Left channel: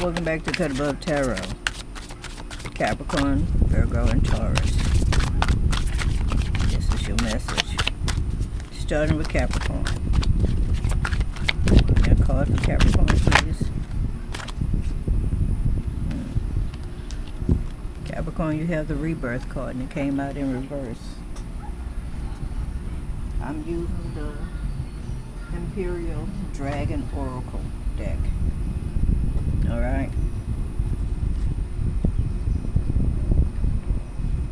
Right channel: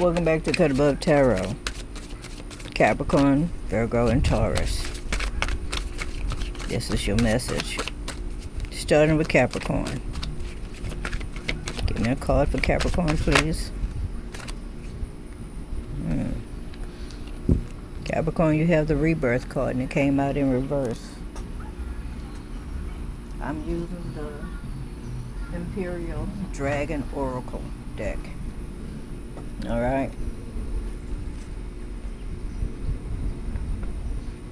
Welcome back to Cut Above Tarot. Capricorn, Virgo, and Taurus. This is your message. Starting with Capricorn. Give me a card for Capricorn, please. Capricorn, you have the Rebirth card, and it came out in reverse. I'm using the Imperial Dragon Oracle deck. Alright.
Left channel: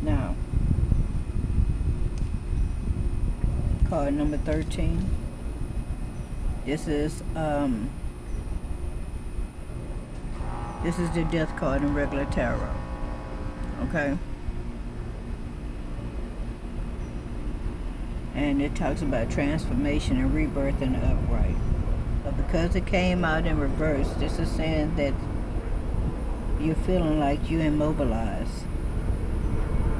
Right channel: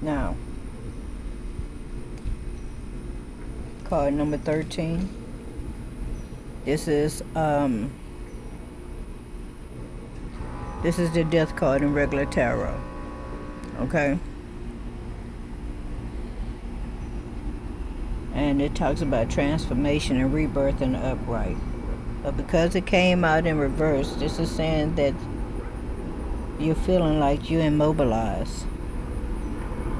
Now, card number 13. This is the Death card in regular tarot. Okay? And it talks about transformation and rebirth in the upright. But because it came out in reverse, this is saying that you're feeling like you're immobilized.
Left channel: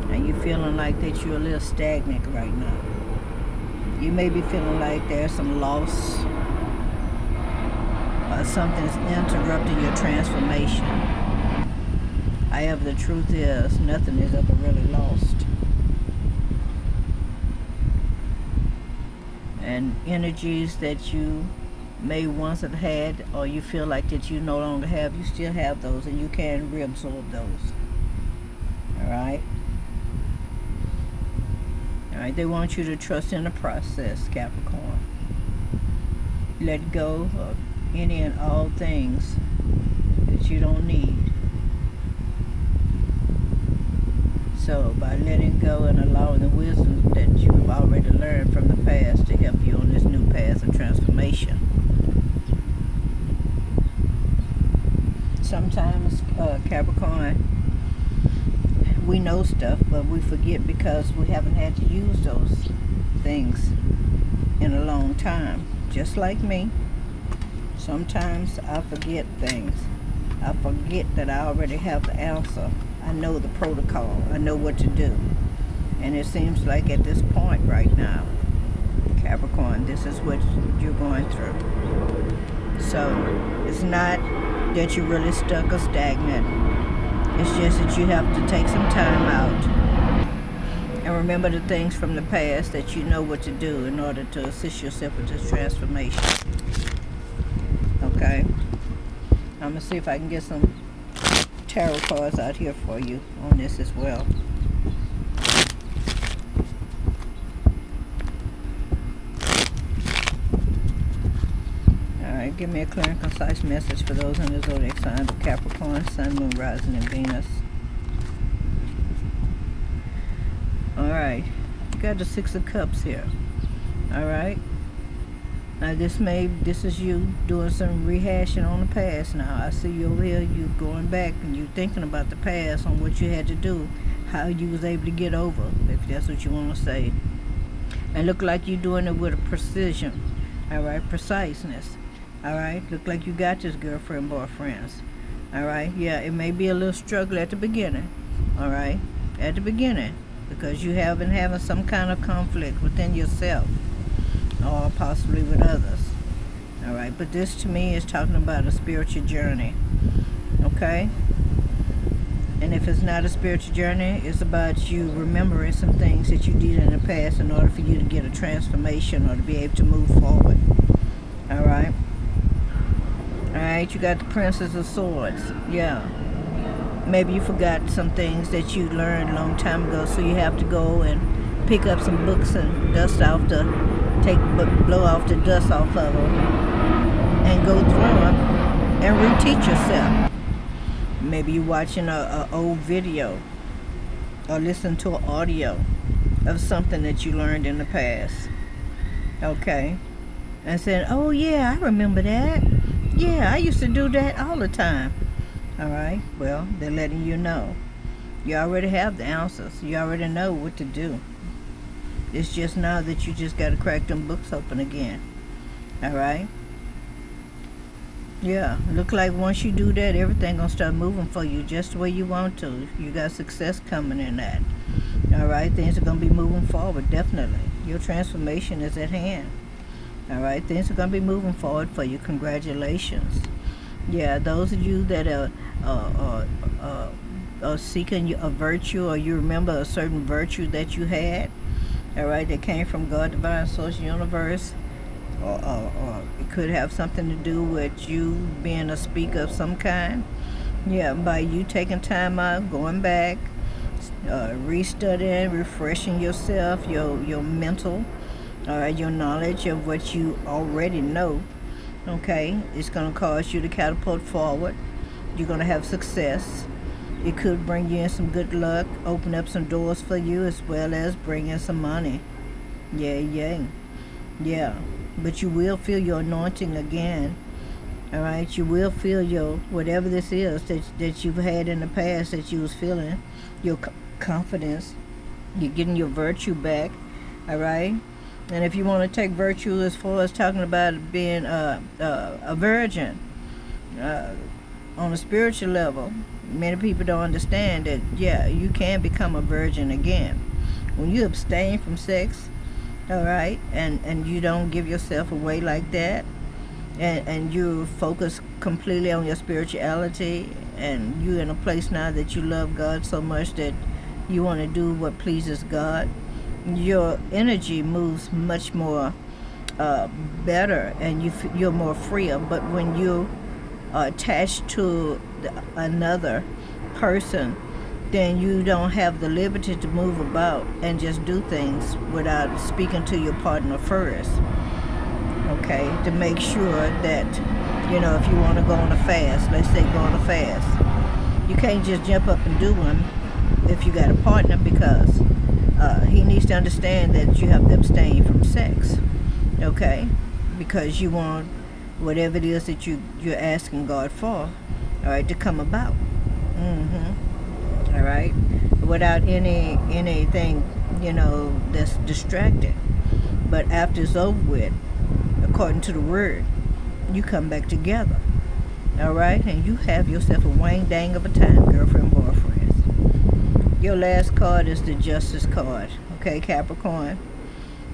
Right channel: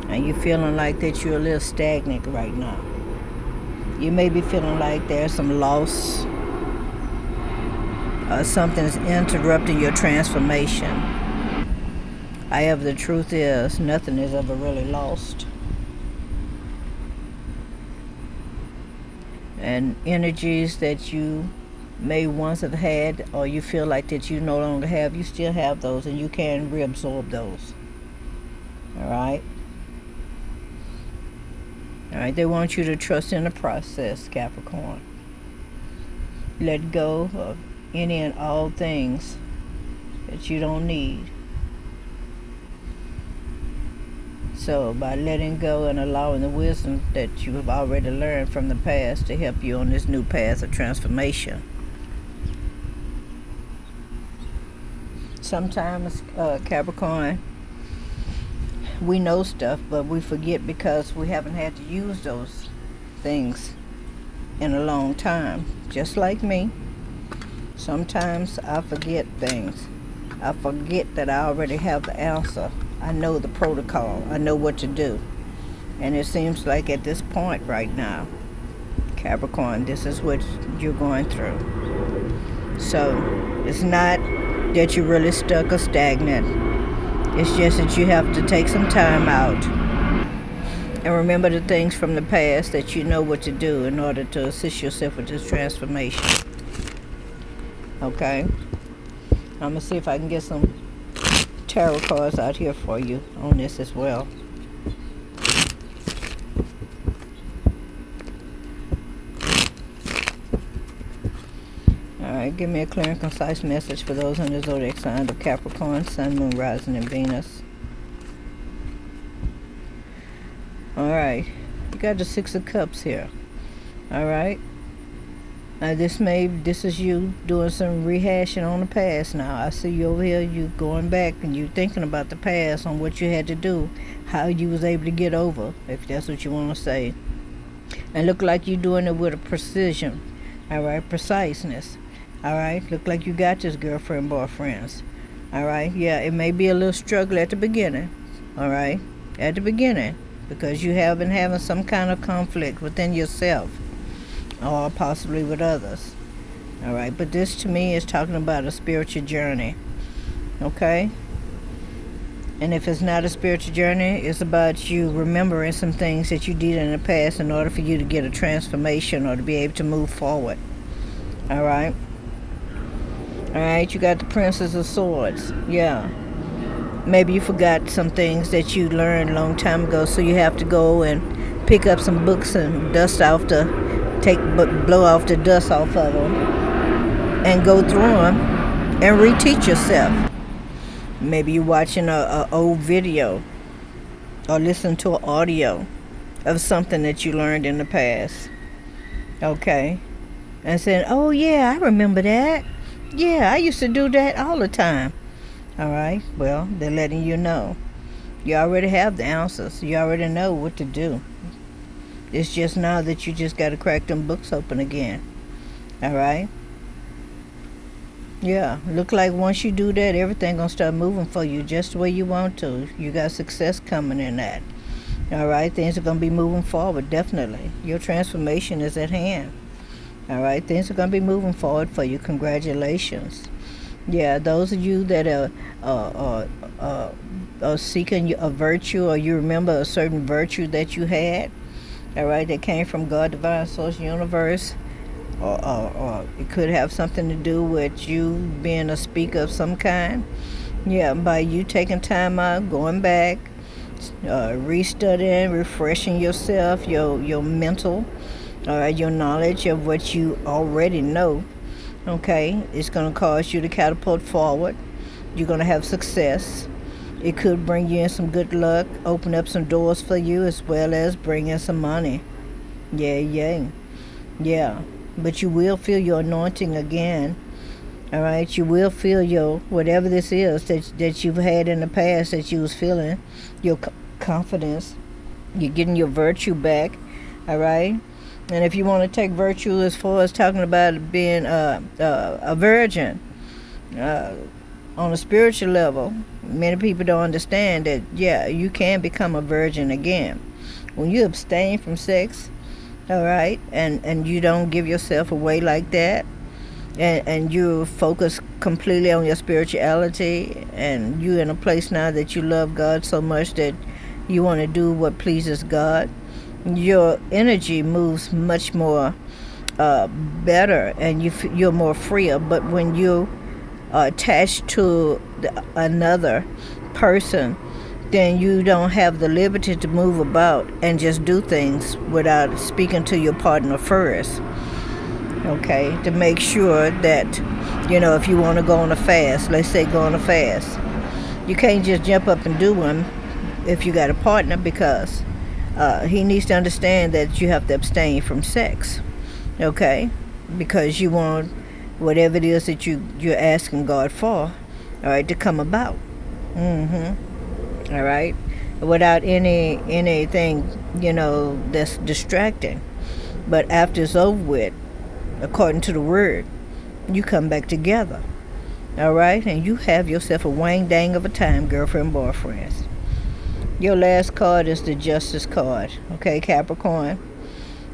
And you're feeling like that you're a little stagnant right now. You may be feeling like there's some loss. Something's interrupting your transformation. However, the truth is, nothing is ever really lost. And energies that you may once have had, or you feel like that you no longer have, you still have those, and you can reabsorb those. Alright? Alright, they want you to trust in the process, Capricorn. Let go of any and all things that you don't need. So, by letting go and allowing the wisdom that you've already learned from the past to help you on this new path of transformation. Sometimes, Capricorn, we know stuff, but we forget because we haven't had to use those things in a long time. Just like me. Sometimes I forget things. I forget that I already have the answer. I know the protocol. I know what to do. And it seems like at this point right now, Capricorn, this is what you're going through. So, it's not that you're really stuck or stagnant. It's just that you have to take some time out and remember the things from the past that you know what to do in order to assist yourself with this transformation. Okay? I'm going to see if I can get some tarot cards out here for you on this as well. Alright, give me a clear and concise message for those on the zodiac sign of Capricorn, Sun, Moon, Rising, and Venus. Alright, you got the Six of Cups here. Alright. Now this is you doing some rehashing on the past now. I see you over here, you going back and you thinking about the past on what you had to do, how you was able to get over, if that's what you want to say. And look like you're doing it with a precision, alright, preciseness. Alright, look like you got this girlfriend, boyfriends. Alright, yeah, it may be a little struggle at the beginning. Alright, at the beginning, because you have been having some kind of conflict within yourself. Or possibly with others. Alright, but this to me is talking about a spiritual journey. Okay? And if it's not a spiritual journey, it's about you remembering some things that you did in the past in order for you to get a transformation or to be able to move forward. Alright? Alright, you got the Princess of Swords. Yeah. Maybe you forgot some things that you learned a long time ago, so you have to go and pick up some books and blow off the dust off of them and go through them and reteach yourself. Maybe you're watching a old video or listen to an audio of something that you learned in the past. Okay? And saying, oh yeah, I remember that. Yeah, I used to do that all the time. Alright? Well, they're letting you know. You already have the answers. You already know what to do. It's just now that you just got to crack them books open again. Alright? Yeah, look like once you do that, everything going to start moving for you just the way you want to. You got success coming in that. Alright? Things are going to be moving forward, definitely. Your transformation is at hand. All right, things are going to be moving forward for you. Congratulations. Yeah, those of you that uh, uh, are seeking a virtue, or you remember a certain virtue that you had, all right, that came from God, divine source, universe, or it could have something to do with you being a speaker of some kind. Yeah, by you taking time out, going back, restudying, refreshing yourself, your mental, your knowledge of what you already know. Okay, it's going to cause you to catapult forward. You're going to have success. It could bring you in some good luck, open up some doors for you, as well as bring in some money. Yeah, yeah, yeah. But you will feel your anointing again. All right, you will feel your whatever this is that you've had in the past that you was feeling, your confidence. You're getting your virtue back. All right, and if you want to take virtue as far as talking about being a virgin, uh, on a spiritual level, many people don't understand that, yeah, you can become a virgin again. When you abstain from sex, all right, and you don't give yourself away like that, and you focus completely on your spirituality, and you in a place now that you love God so much that you want to do what pleases God, your energy moves much more better, and you're more freer. But when you are attached to another person, then you don't have the liberty to move about and just do things without speaking to your partner first. Okay, to make sure that, if you want to go on a fast, let's say go on a fast, you can't just jump up and do one if you got a partner, because he needs to understand that you have to abstain from sex. Okay, because you want whatever it is that you're asking God for, all right, to come about. All right, without anything, that's distracting. But after it's over with, according to the word, you come back together. All right, and you have yourself a wang dang of a time, girlfriend, boyfriends. Your last card is the Justice card. Okay, Capricorn.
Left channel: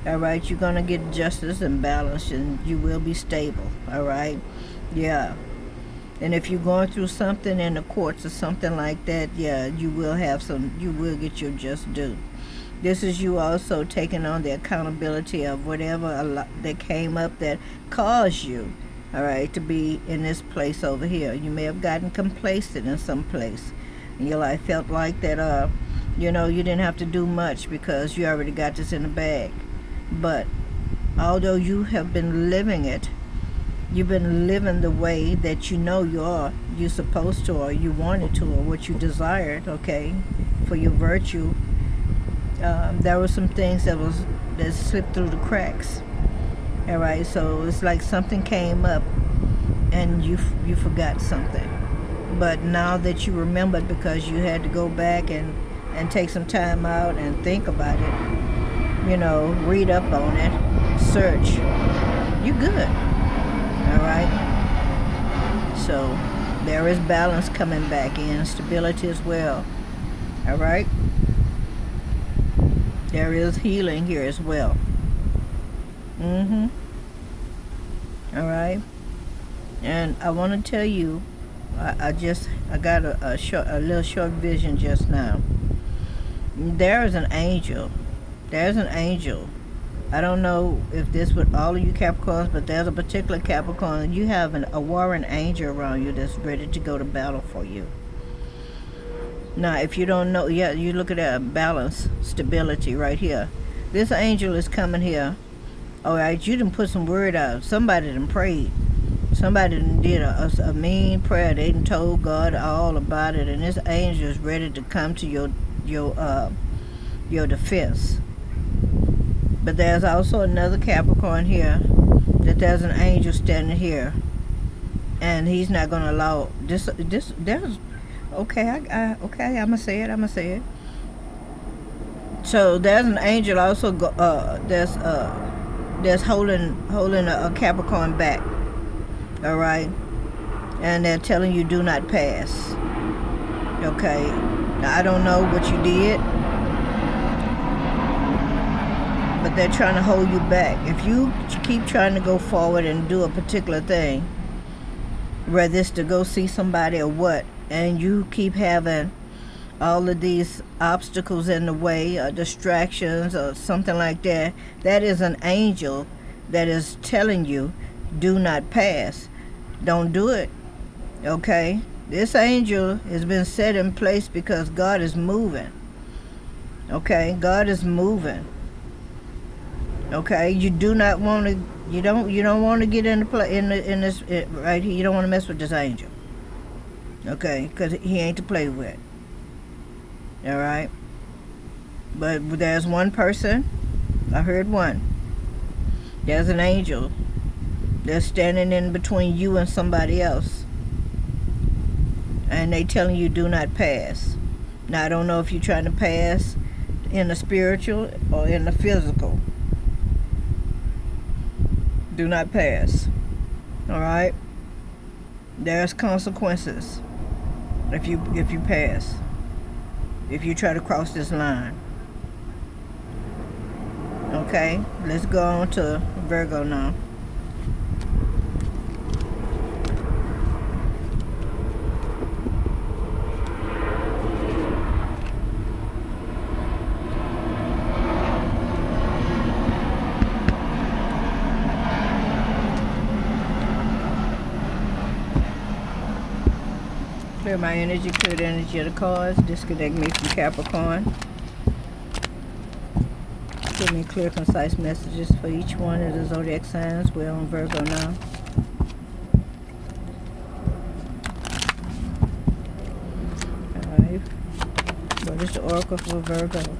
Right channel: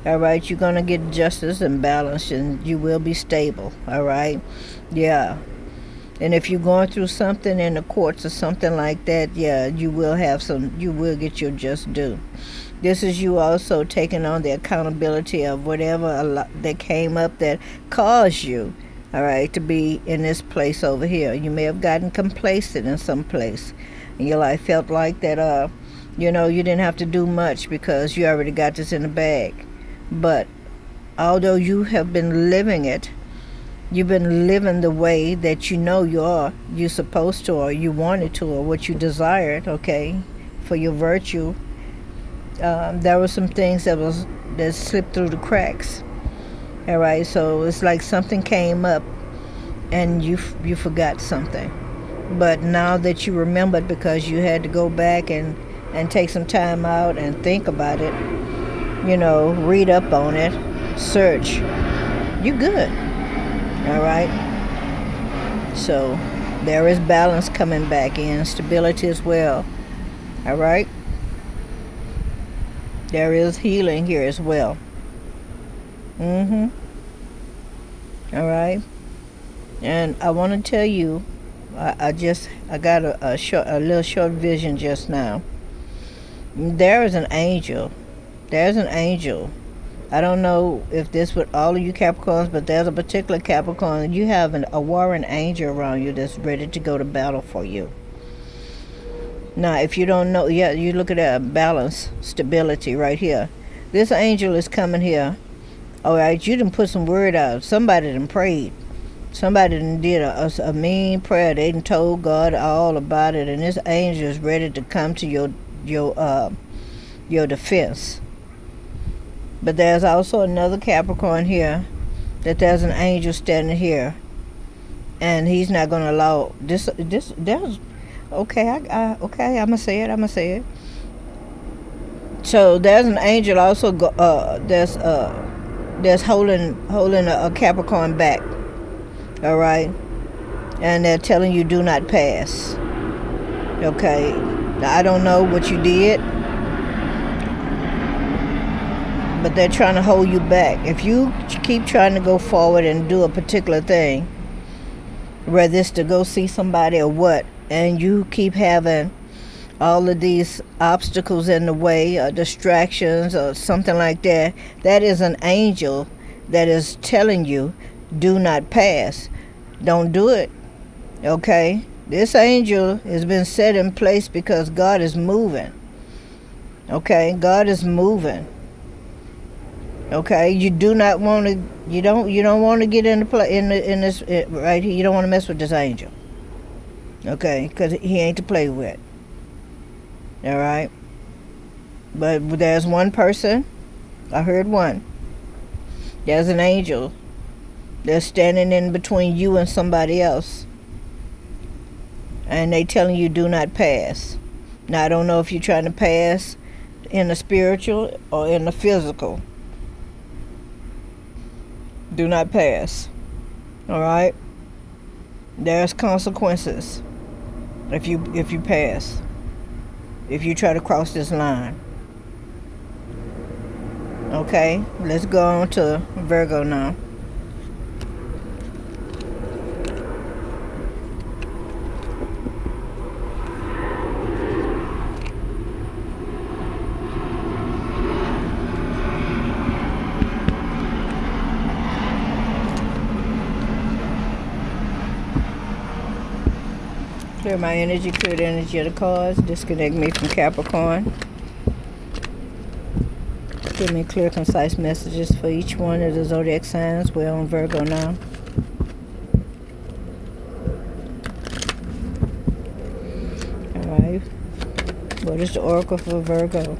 All right, you're gonna get justice and balance, and you will be stable. All right, yeah. And if you're going through something in the courts or something like that, yeah, you will get your just due. This is you also taking on the accountability of whatever that came up that caused you, all right, to be in this place over here. You may have gotten complacent in some place in your life, felt like that, you didn't have to do much because you already got this in the bag. But although you have been living it, you've been living the way that you're supposed to, or you wanted to, or what you desired, okay, for your virtue. There were some things that slipped through the cracks. All right, so it's like something came up and you forgot something. But now that you remembered, because you had to go back and take some time out and think about it, read up on it, search, you're good. All right. So there is balance coming back in, stability as well. All right. There is healing here as well. All right. And I want to tell you, I got a little short vision just now. There is an angel. There's an angel. I don't know if this with all of you Capricorns, but there's a particular Capricorn. You have a warring angel around you that's ready to go to battle for you. Now, if you don't know, yeah, you look at that balance, stability right here. This angel is coming here. All right, you done put some word out. Somebody done prayed. Somebody done did a mean prayer. They done told God all about it, and this angel is ready to come to your defense. But there's also another Capricorn here, that there's an angel standing here, and he's not going to allow this. There's okay. Okay. I'ma say it. So there's an angel also. There's holding a Capricorn back. All right, and they're telling you do not pass. Okay. Now, I don't know what you did, but they're trying to hold you back. If you keep trying to go forward and do a particular thing, whether it's to go see somebody or what, and you keep having all of these obstacles in the way, or distractions or something like that, that is an angel that is telling you, do not pass. Don't do it. Okay? This angel has been set in place because God is moving. Okay? God is moving. Okay? You do not want to, you don't want to get in this right here. You don't want to mess with this angel. Okay? Because he ain't to play with. All right? But there's one person, I heard one. There's an angel that's standing in between you and somebody else. And they telling you do not pass. Now, I don't know if you're trying to pass in the spiritual or in the physical. Do not pass. All right? There's consequences if you pass. If you try to cross this line. Okay? Let's go on to Virgo now. Clear my energy, clear the energy of the cards. Disconnect me from Capricorn. Give me clear, concise messages for each one of the zodiac signs. We're on Virgo now. Alright. What is the oracle for Virgo?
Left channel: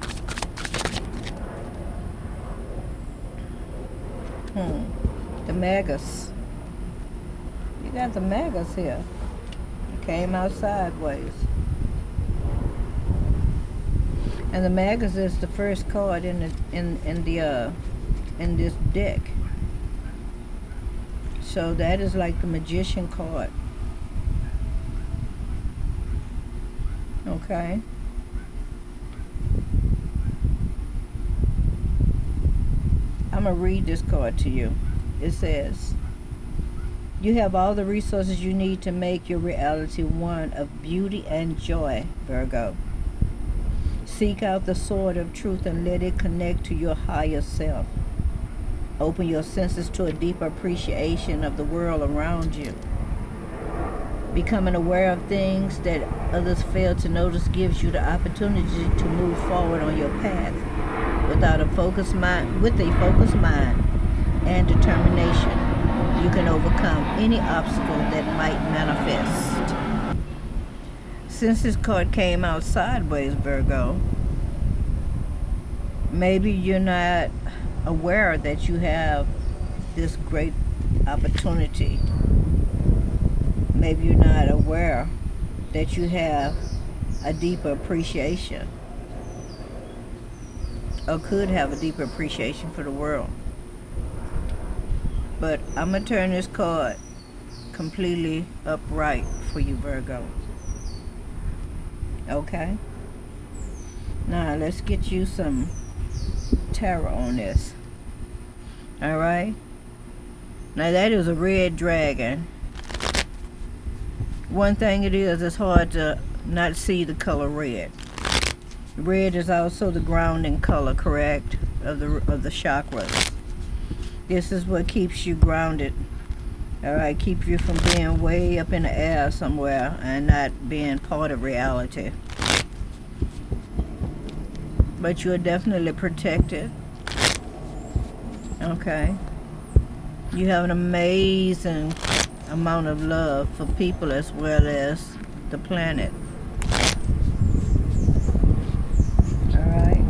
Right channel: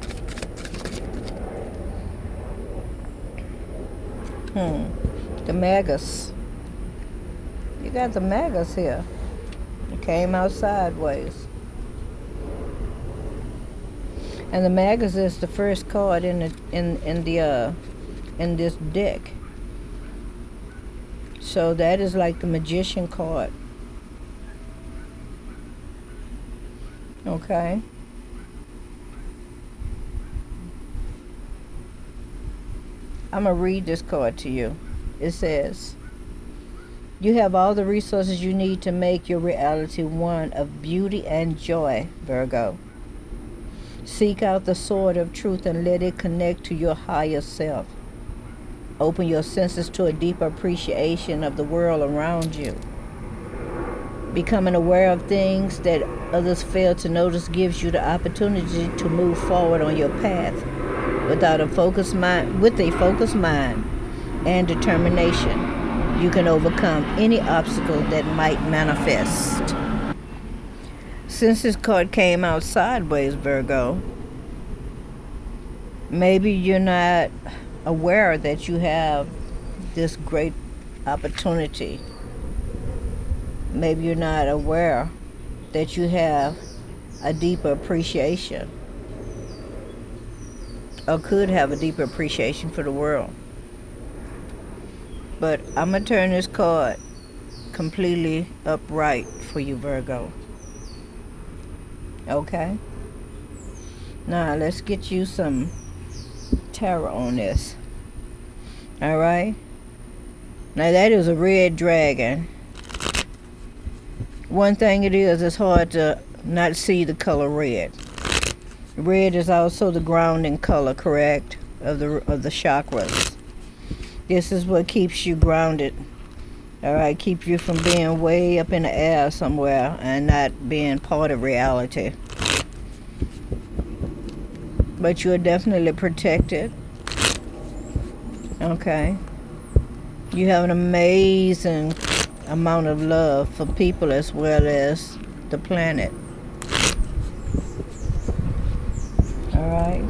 The Magus. You got the Magus here. It came out sideways. And the Magus is the first card in this deck. So that is like the Magician card. Okay. I'm going to read this card to you. It says, you have all the resources you need to make your reality one of beauty and joy, Virgo. Seek out the sword of truth and let it connect to your higher self. Open your senses to a deeper appreciation of the world around you. Becoming aware of things that others fail to notice gives you the opportunity to move forward on your path with a focused mind and determination. You can overcome any obstacle that might manifest. Since this card came out sideways, Virgo, maybe you're not aware that you have this great opportunity. Maybe you're not aware that you have a deeper appreciation, or could have a deeper appreciation for the world. But I'm going to turn this card completely upright for you, Virgo. Okay? Now, let's get you some tarot on this. Alright? Now, that is a red dragon. One thing it is, it's hard to not see the color red. Red is also the grounding color, correct, of the chakras. This is what keeps you grounded. Alright, keep you from being way up in the air somewhere and not being part of reality. But you're definitely protected. Okay. You have an amazing amount of love for people as well as the planet. Alright.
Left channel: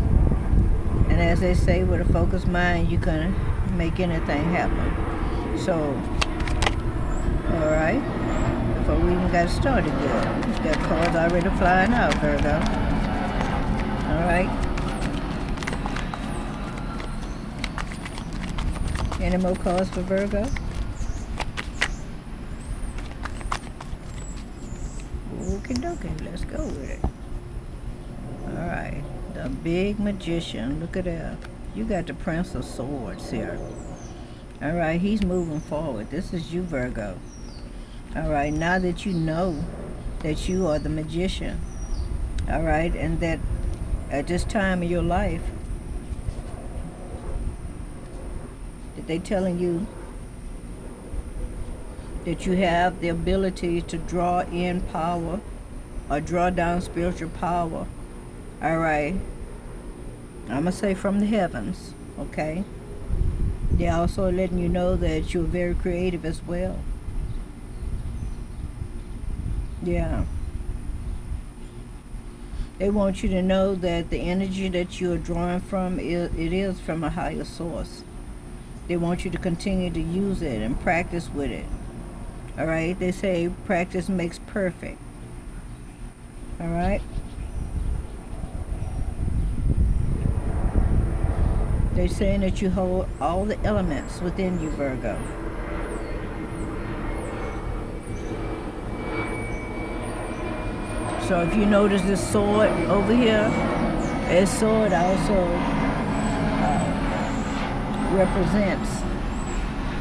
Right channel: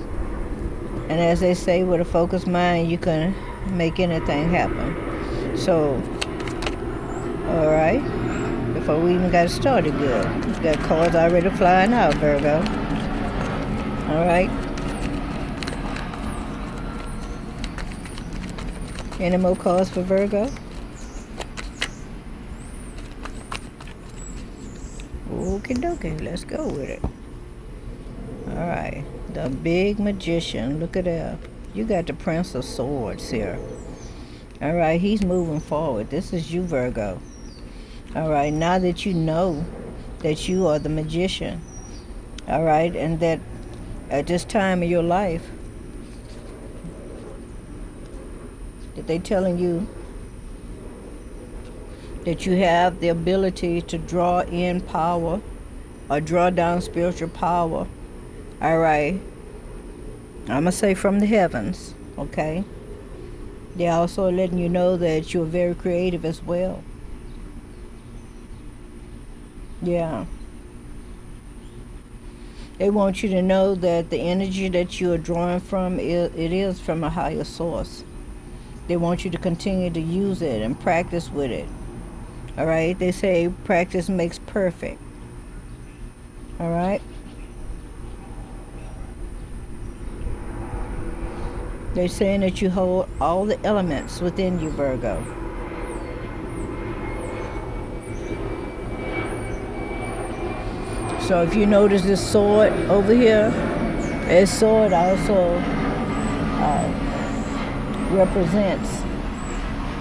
And as they say, with a focused mind, you can make anything happen. So, alright. Before we even got started good. We've got cards already flying out, Virgo. Alright. Any more cards for Virgo? Okie dokie, let's go with it. Alright, the big magician. Look at that. You got the Prince of Swords here. Alright, he's moving forward. This is you, Virgo. All right, now that you know that you are the magician, all right, and that at this time in your life, that they telling you that you have the ability to draw in power or draw down spiritual power. All right, I'm gonna say from the heavens, okay? They're also letting you know that you're very creative as well. Yeah. They want you to know that the energy that you are drawing from, it is from a higher source. They want you to continue to use it and practice with it. All right? They say practice makes perfect. All right? They're saying that you hold all the elements within you, Virgo. So if you notice this sword over here, this sword also represents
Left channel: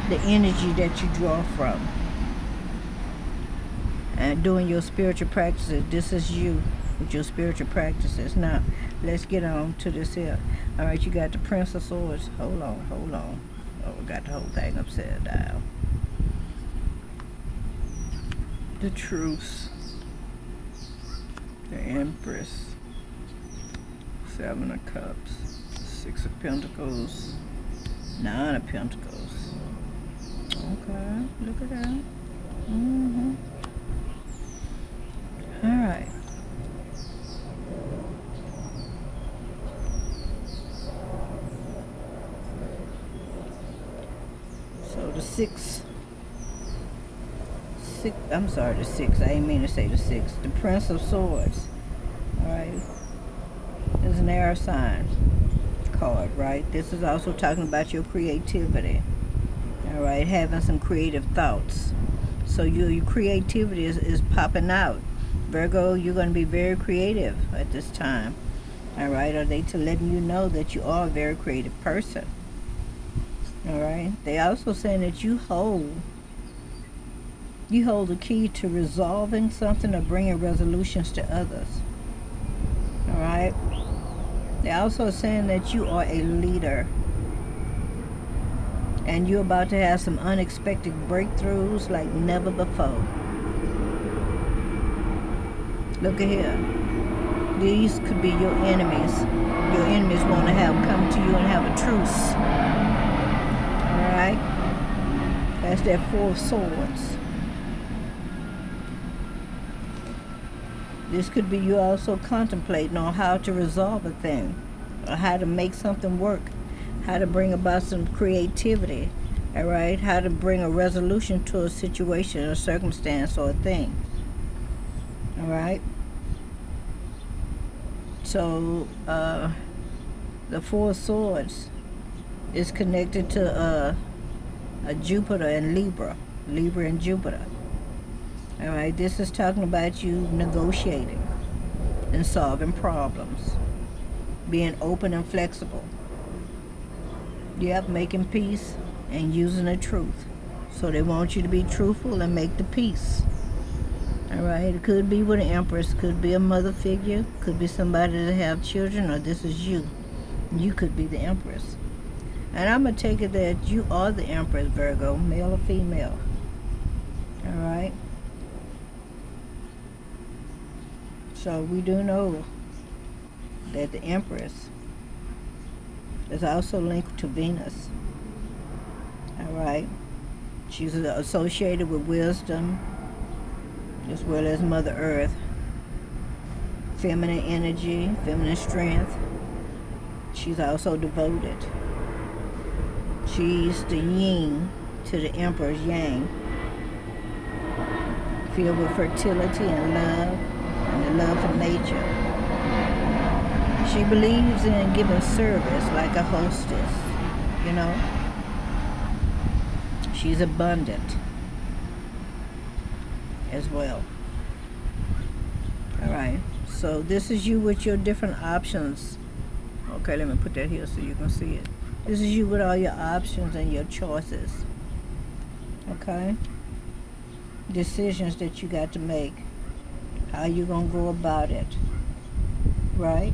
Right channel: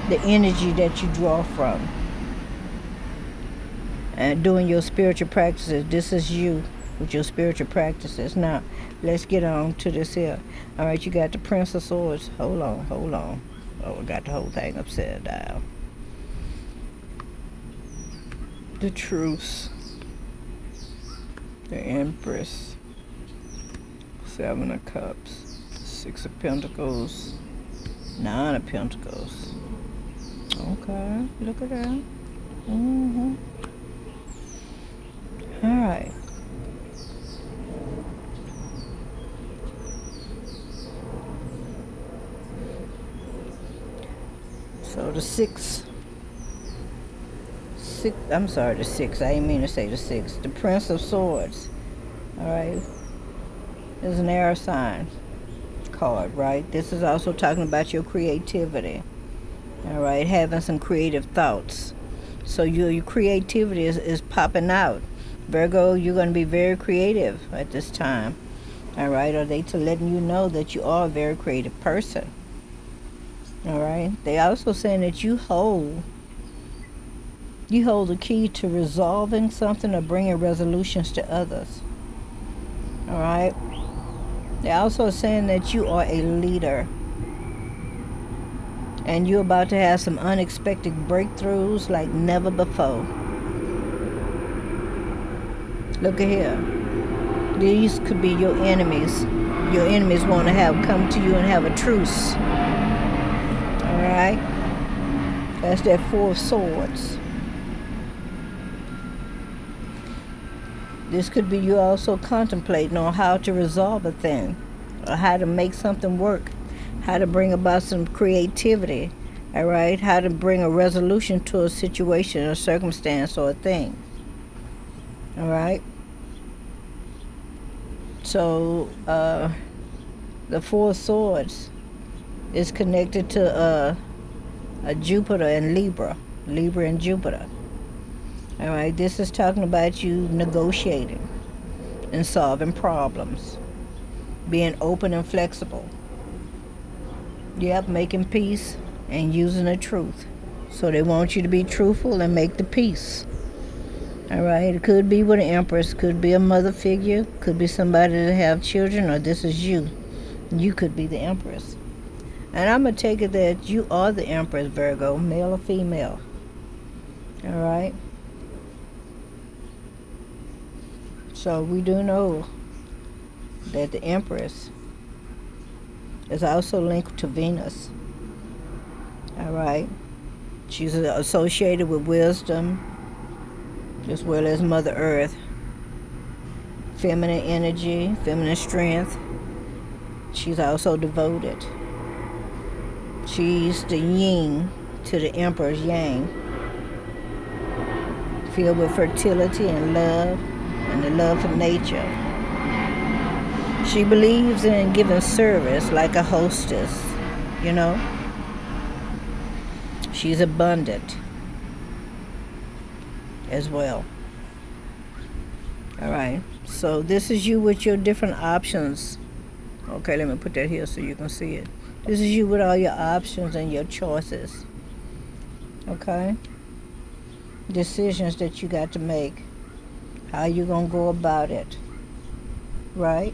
the energy that you draw from. And doing your spiritual practices, this is you with your spiritual practices. Now, let's get on to this here. All right, you got the Prince of Swords. Hold on. Oh, I got the whole thing upside down. The Truce. The Empress. Seven of Cups. Six of Pentacles. Nine of Pentacles. Okay, look at that. All right. So the six, I'm sorry, the six. I didn't mean to say the six. The Prince of Swords. All right. Is an air sign card, right? This is also talking about your creativity. All right, having some creative thoughts. So your creativity is popping out. Virgo, you're going to be very creative at this time. All right, are they letting you know that you are a very creative person? All right. They also saying that you hold the key to resolving something or bringing resolutions to others. All right. They're also saying that you are a leader. And you're about to have some unexpected breakthroughs like never before. Look at here. These could be your enemies. Your enemies want to have come to you and have a truce. All right? That's that Four of Swords. This could be you also contemplating on how to resolve a thing, or how to make something work, how to bring about some creativity, all right? How to bring a resolution to a situation, a circumstance, or a thing, all right? So the Four of Swords is connected to a Jupiter and Libra and Jupiter. All right, this is talking about you negotiating and solving problems, being open and flexible. Yep, making peace and using the truth. So they want you to be truthful and make the peace. All right, it could be with an Empress, could be a mother figure, could be somebody that have children, or this is you. You could be the Empress. And I'm going to take it that you are the Empress, Virgo, male or female. All right. So we do know that the Empress is also linked to Venus. All right. She's associated with wisdom as well as Mother Earth. Feminine energy, feminine strength. She's also devoted. She's the yin to the Emperor's yang. Filled with fertility and love, and the love for nature. She believes in giving service like a hostess, you know. She's abundant as well. All right, so this is you with your different options. Okay, let me put that here so you can see it. This is you with all your options and your choices. Okay. decisions that you got to make. How you gonna go about it, right?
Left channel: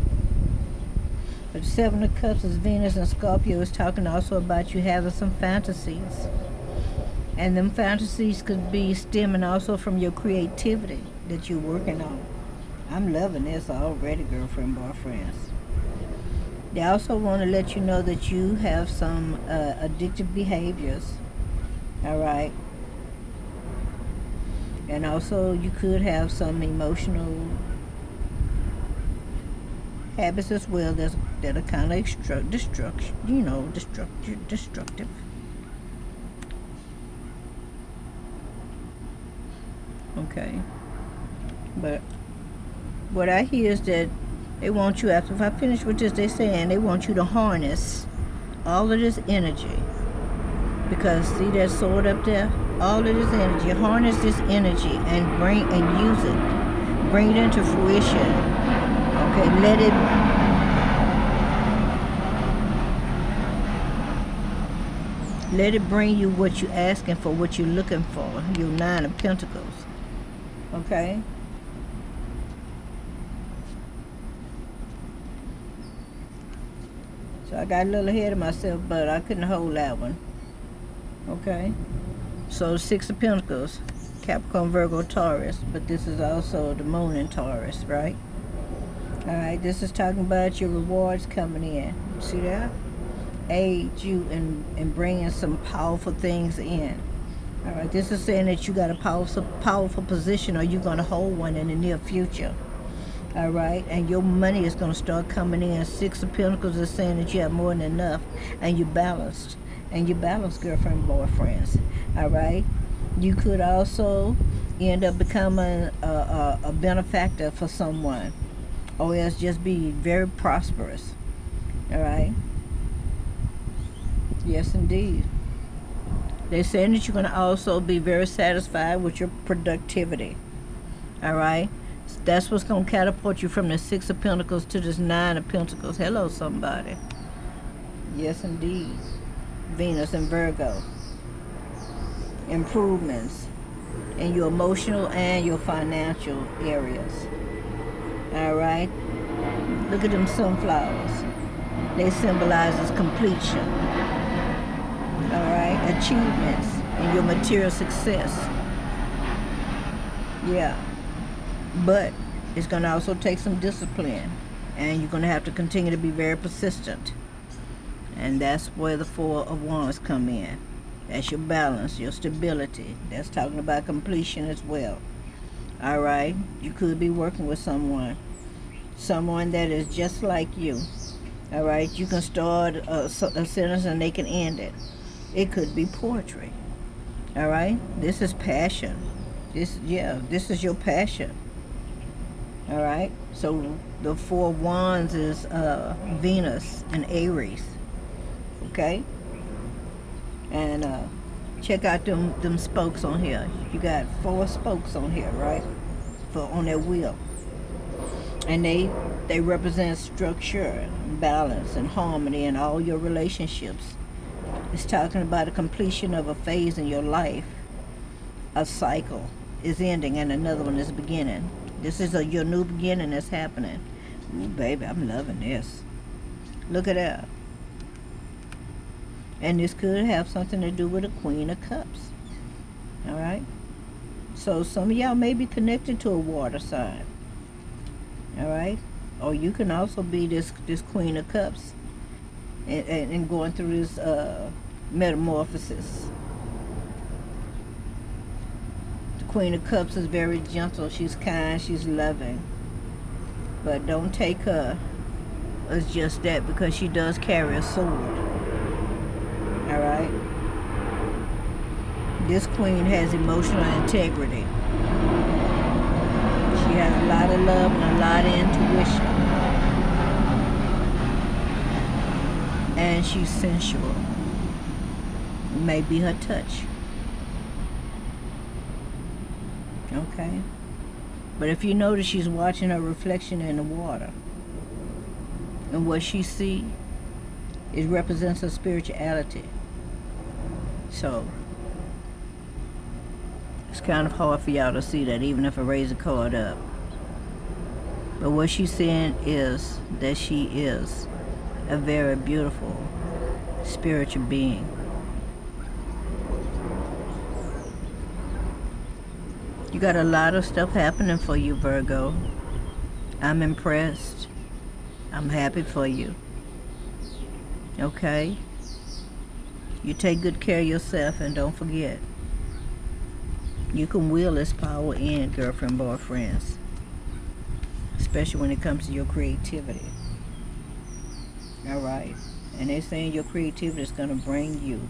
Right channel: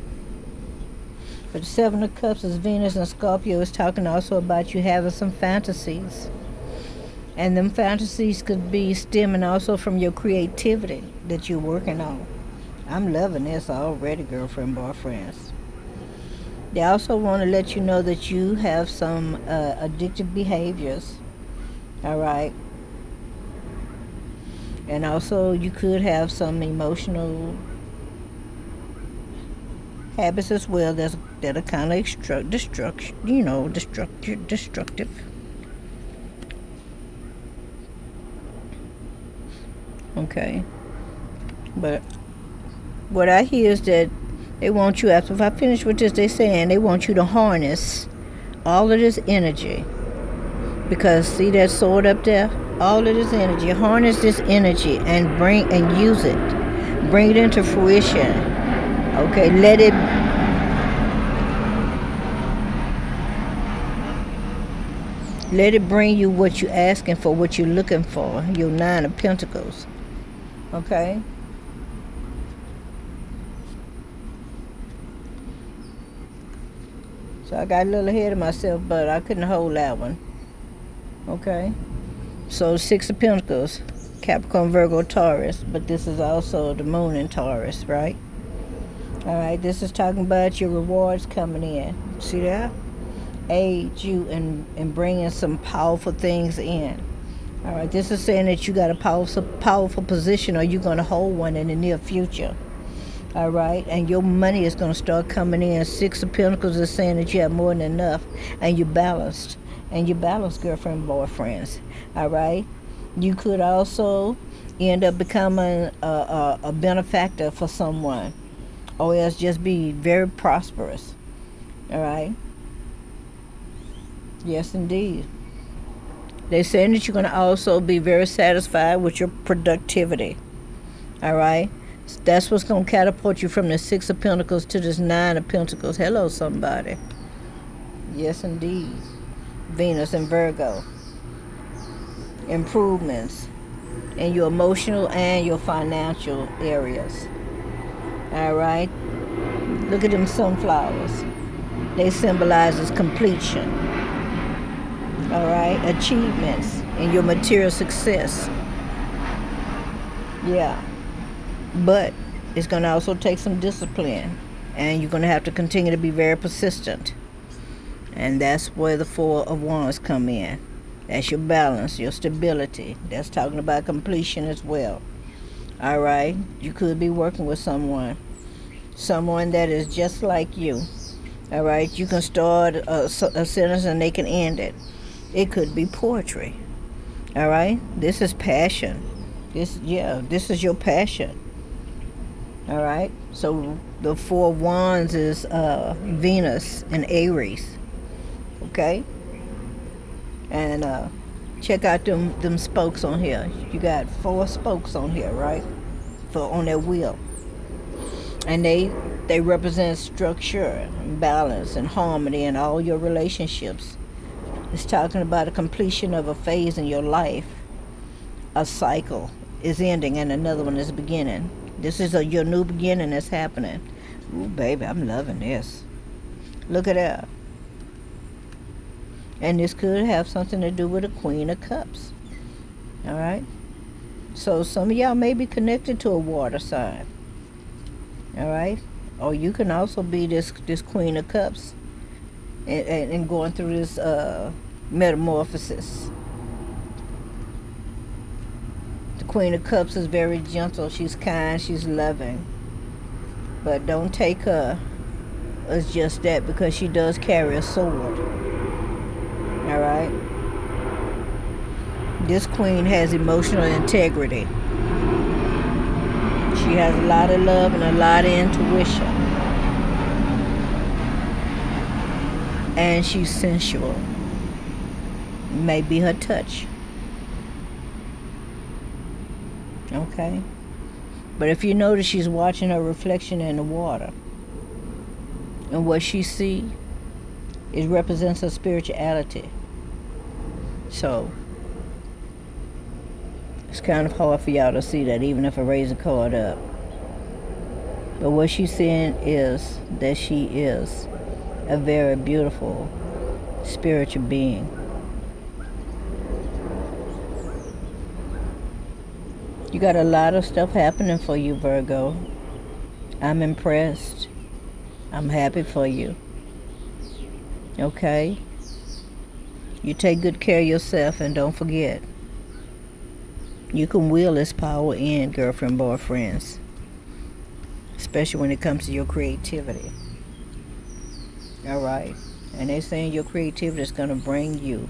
But the Seven of Cups is Venus and Scorpio is talking also about you having some fantasies. And them fantasies could be stemming also from your creativity that you're working on. I'm loving this already, girlfriend, boyfriends. They also want to let you know that you have some addictive behaviors, all right? And also you could have some emotional habits as well that are kind of destructive. Okay, but what I hear is that they want you, after if I finish with this, they saying they want you to harness all of this energy, because see that sword up there, all of this energy, harness this energy and use it, bring it into fruition. Okay, let it bring you what you're asking for, what you're looking for, your Nine of Pentacles. Okay? So I got a little ahead of myself, but I couldn't hold that one. Okay? So Six of Pentacles, Capricorn, Virgo, Taurus, but this is also the moon in Taurus, right? All right, this is talking about your rewards coming in. See that? Aid you in bringing some powerful things in. All right, this is saying that you got a powerful position, or you're going to hold one in the near future. All right, and your money is going to start coming in. Six of Pentacles is saying that you have more than enough, and you're balanced. And you're balanced, girlfriend, boyfriends. All right, you could also end up becoming a benefactor for someone, or else just be very prosperous. All right. Yes, indeed. They're saying that you're going to also be very satisfied with your productivity. All right. That's what's going to catapult you from the Six of Pentacles to this Nine of Pentacles. Hello, somebody. Yes, indeed. Venus and Virgo. Improvements in your emotional and your financial areas. All right. Look at them sunflowers. They symbolize as completion. All right. Achievements in your material success. Yeah. But it's going to also take some discipline, and you're going to have to continue to be very persistent. And that's where the Four of Wands come in. That's your balance, your stability. That's talking about completion as well. All right. You could be working with someone that is just like you. All right. You can start a sentence and they can end it. It could be poetry. All right. This is passion. This is your passion. All right. So the Four of Wands is Venus and Aries. Okay. And check out them spokes on here. You got 4 spokes on here, right? On that wheel. And they represent structure and balance and harmony in all your relationships. It's talking about a completion of a phase in your life. A cycle is ending and another one is beginning. This is your new beginning that's happening. Ooh, baby, I'm loving this. Look at that. And this could have something to do with the Queen of Cups. All right? So some of y'all may be connected to a water sign. All right? Or you can also be this Queen of Cups and going through this metamorphosis. The Queen of Cups is very gentle. She's kind. She's loving. But don't take her as just that, because she does carry a sword. All right? This queen has emotional integrity. She has a lot of love and a lot of intuition. And she's sensual. Maybe her touch. Okay? But if you notice, she's watching her reflection in the water. And what she sees, it represents her spirituality. So It's kind of hard for y'all to see that even if I raise a card up. But what she's saying is that she is a very beautiful spiritual being. You got a lot of stuff happening for you, Virgo. I'm impressed. I'm happy for you. Okay? You take good care of yourself, and don't forget, you can will this power in, girlfriend, boyfriends. Especially when it comes to your creativity. Alright? And they're saying your creativity is going to bring you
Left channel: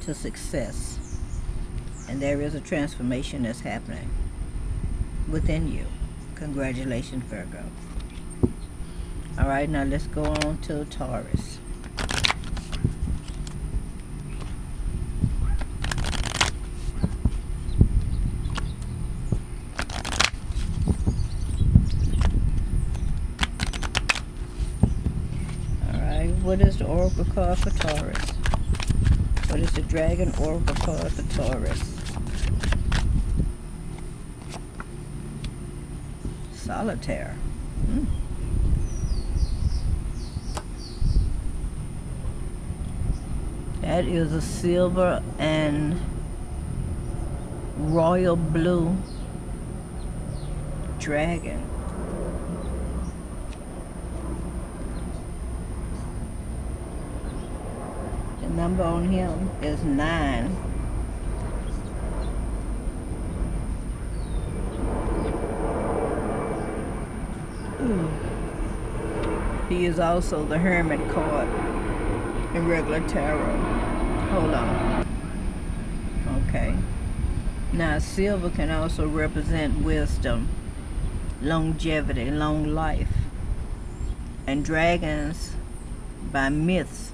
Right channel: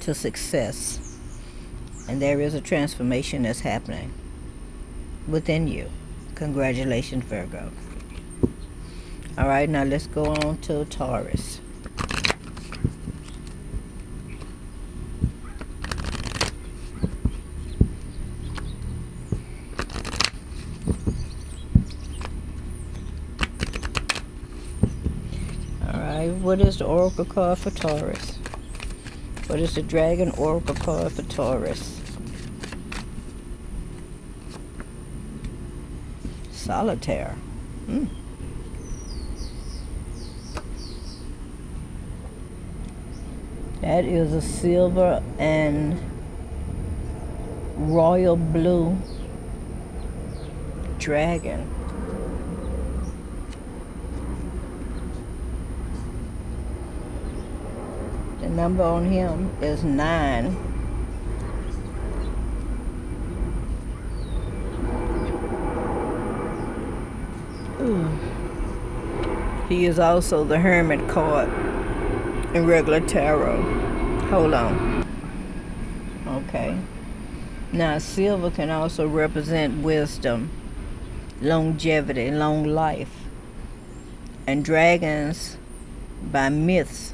to success. And there is a transformation that's happening within you. Congratulations, Virgo. Alright, now let's go on to Taurus. Alright, what is the Oracle card for Taurus? What is the Dragon Oracle card for Taurus? Solitaire. That is a silver and royal blue dragon. The number on him is 9. He is also the Hermit card in regular tarot. Hold on. Okay. Now, silver can also represent wisdom, longevity, and long life. And dragons, by myths,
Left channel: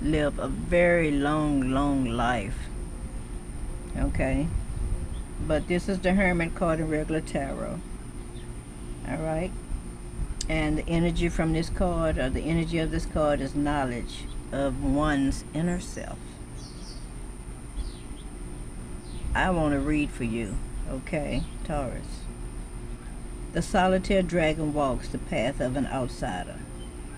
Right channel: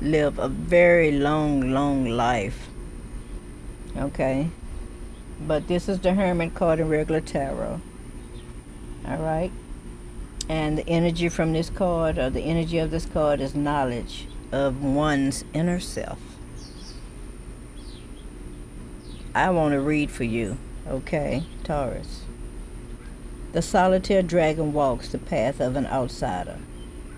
live a very long life. Okay? But this is the Hermit card in regular tarot. Alright? And the energy from this card, or the energy of this card, is knowledge of one's inner self. I want to read for you, okay, Taurus. The solitary dragon walks the path of an outsider,